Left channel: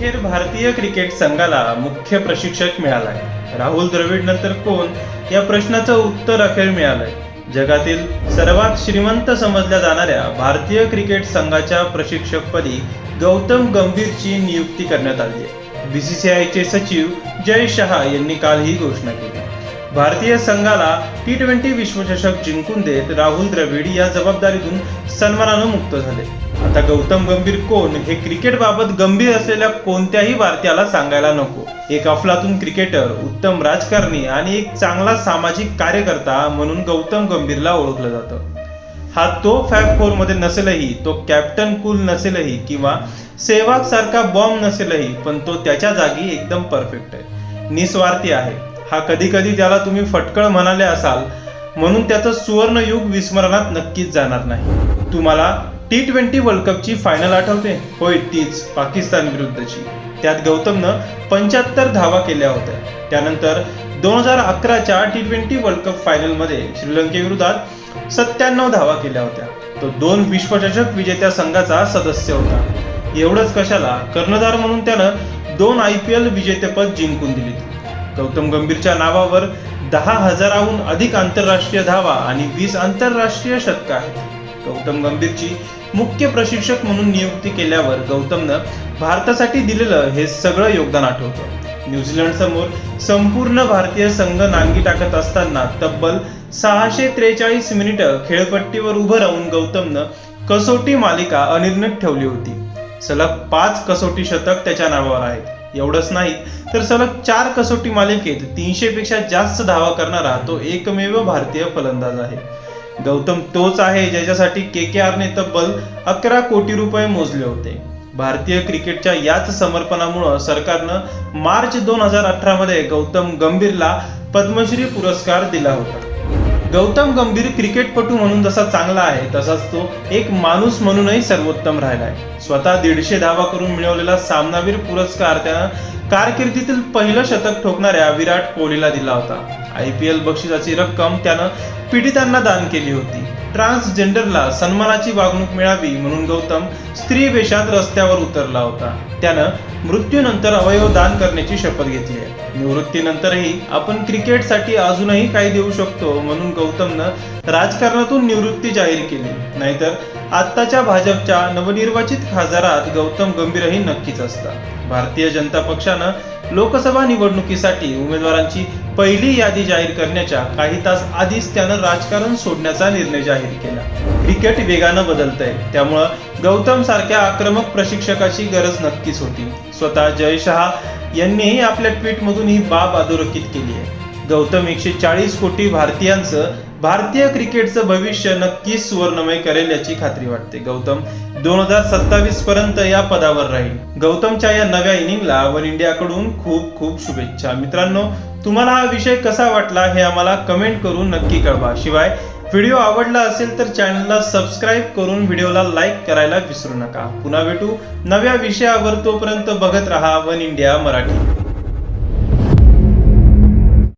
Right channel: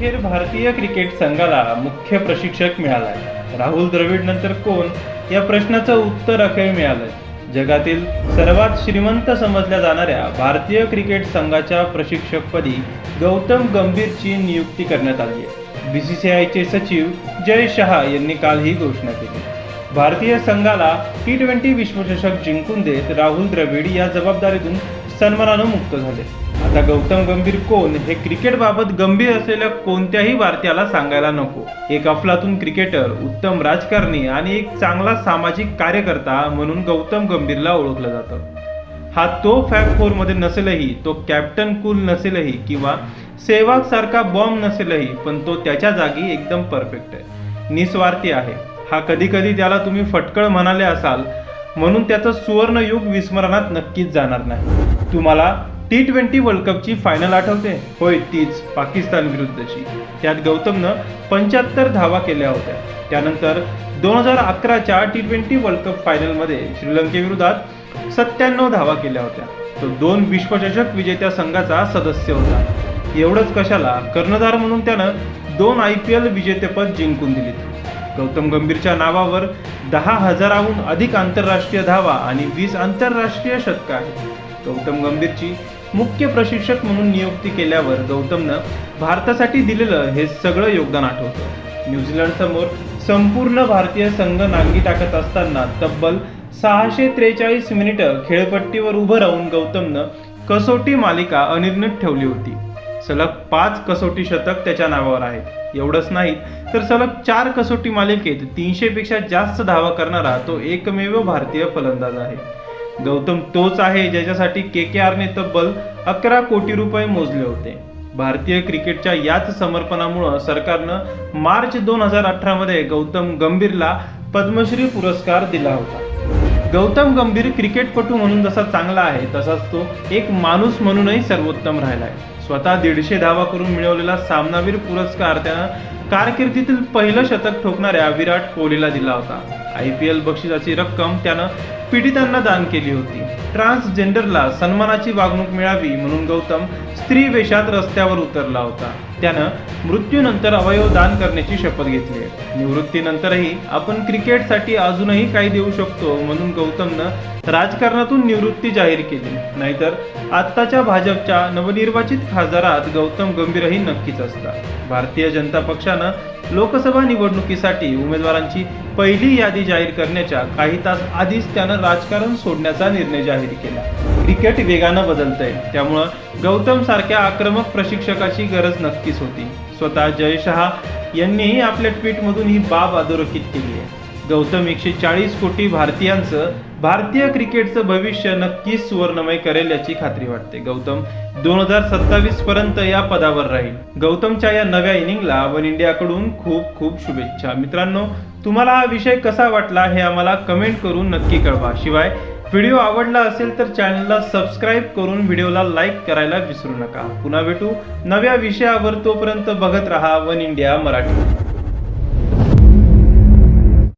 अखेर भारतीय क्रिकेट संघाला मुख्य प्रशिक्षक मिळालाय. राहुल द्रविड नंतर कोण? या प्रश्नाचं उत्तर अखेर मिळालंय. जगातील सर्वात श्रीमंत समजल्या जाणाऱ्या भारतीय क्रिकेट संघाच्या प्रशिक्षकपदी गौतम गंभीरची नियुक्ती करण्यात आली आहे आयचे सचिव जय शहा यांनी काल ही घोषणा केली. भारतीय संघाला टी ट्वेंटी विश्वचषक जिंकून देत राहुल द्रविड या जबाबदारीतून सन्मानानं मुक्त झाले. आता गौतम गंभीर कोण? हे क्रिकेटबाबत गंभीर असलेल्या कोणत्याही वार्त्याला सांगायला नको. एक अफलातून क्रिकेटर उत्तम राजकारणी आणि एक चांगला सामाजिक कार्यकर्ता म्हणून गौतम गंभीरला ओळखलं जातं. हा तो फॅब फोरमध्ये नसेलही तो कॅप्टन कूल नसेलही किंवा सेवाग सारखा बॉम्ब नसेलही पण तो त्याच्या जागी एकदम परफेक्ट आहे. निस्वार्थी आहे. हा कधी कधी ज्याला तुम्ही फटकळ म्हणाले असाल म्हणून त्याचं सुवर्णयुग विस्मरणात नक्कीच जाणार नाही. तुम्हाला टी ट्वेंटी वर्ल्ड कपची फायनल आठवते होय तीच पाकिस्तान विरुद्धची. त्यात गौतमनं पंच्याहत्तर धावा केल्या होत्या. त्यानंतर दोन हजार अकराच्या टी ट्वेंटी वर्ल्ड कप फायनलमध्ये श्रीलंकेविरोधात सत्त्याण्णव धावा केल्या होत्या. तो दोन विश्वचषक विजेत्या संघाचा सदस्य होता. एवढंच कशाला कर्णधार म्हणून त्यानं दोन आय पी एल विजेतेपद जिंकून दिली. गौतम गंभीरच्या नावावर दहा हजाराहून अधिक आंतरराष्ट्रीय धावा आणि वीस आंतरराष्ट्रीय शतकं आहेत. गौतम गंभीरची मुख्य प्रशिक्षक म्हणून नियुक्ती केल्यावर गौतमनं भारतासाठी दिलेलं हे सगळं योगदान आठवतं. न्यूझीलंड समोर संपूर्ण भारतीय संघ नांगी टाकत असताना तब्बल सहाशे त्रेचाळीस मिनिटं खेळपट्टीवर उभं राहून गौतमनं कसोटी मालिका अनिर्णित ठेवली होती. सलग पाच कसोटी शतक त्याच्या नावावर आहेत. एवढंच नाही तर सलग चार कसोटी मालिकेत तीनशे पेक्षा जास्त धावा करणारा तो एकमेव भारतीय फलंदाज आहे. गौतम तोच आहे ज्याच्यासाठी के के आरने तब्बल अकरा कोटी रुपये मोजले होते. भारतीय क्रिकेटच्या याच समर्पणामुळं सरकारनं मार्च दोन हजार अठरा मध्ये गौतम गंभीरला पद्मश्री पुरस्कार दिला होता. गौतम गंभीर क्रिकेटपटू म्हणून जसा चांगला आहे तसाच तो एक माणूस म्हणूनही सर्वोत्तम राहिलाय. स्वतः दीडशे धावा करून मिळवलेला सामनावीर पुरस्कार त्यानं कारकिर्दीतील पहिलं शतक ठोकणाऱ्या विराट कोहलीला दिला होता. आय पी एल बक्षिसाची रक्कम त्यानं पीडितांना दान केली होती. ट्रान्सजेंडरला सन्मानाची वागणूक मिळावी म्हणून गौतम स्त्री वेशात रस्त्यावर उतरला होता. त्यानं मृत्यूनंतर अवयव दान करण्याची शपथ घेतली आहे. निवृत्तीनंतरही आपण क्रिकेटसाठी अजूनही काही देऊ शकतो म्हणून गौतमनं राजकारणातून निवृत्ती जाहीर केली. नाहीतर आत्ताच्या भाजपच्या नवनिर्वाचित खासदारात गौतम गंभीरही नक्कीच असतात. भारतीय जनता पक्षानं लोकसभा निवडणुकीसाठी उमेदवारांची पहिली यादी जाहीर करण्याच्या काही तास आधीच त्यानं राजकारण सोडण्याचा निर्णय जाहीर केला. क्रिकेट वेगानं बदलतंय. त्यामुळं गौतम सारख्या आक्रमक प्रशिक्षकाची गरज नक्कीच होती. स्वतः जय शहा यांनीही आपल्या ट्विटमधून ही बाब अधोरेखित केली आहे. गौतम एकशे चाळीस कोटी भारतीयांचं भारतीय क्रिकेटचं भविष्य नक्कीच सुवर्णमय करेल याची खात्री वाटते. गौतम दोन हजार सत्तावीस पर्यंत या पदावर राहील. गौतमच्या या नव्या इनिंगला वन इंडियाकडून खूप खूप शुभेच्छा. मित्रांनो तुम्हाला हा विषय कसा वाटला हे आम्हाला कमेंट करून नक्की कळवा. शिवाय व्हिडिओ आवडला असेल तर चॅनलला सबस्क्राईब करून व्हिडिओला लाईक करायला विसरू नका. पुन्हा भेटू नव्या विषयावर तोपर्यंत बघत रहा वन इंडिया मराठी.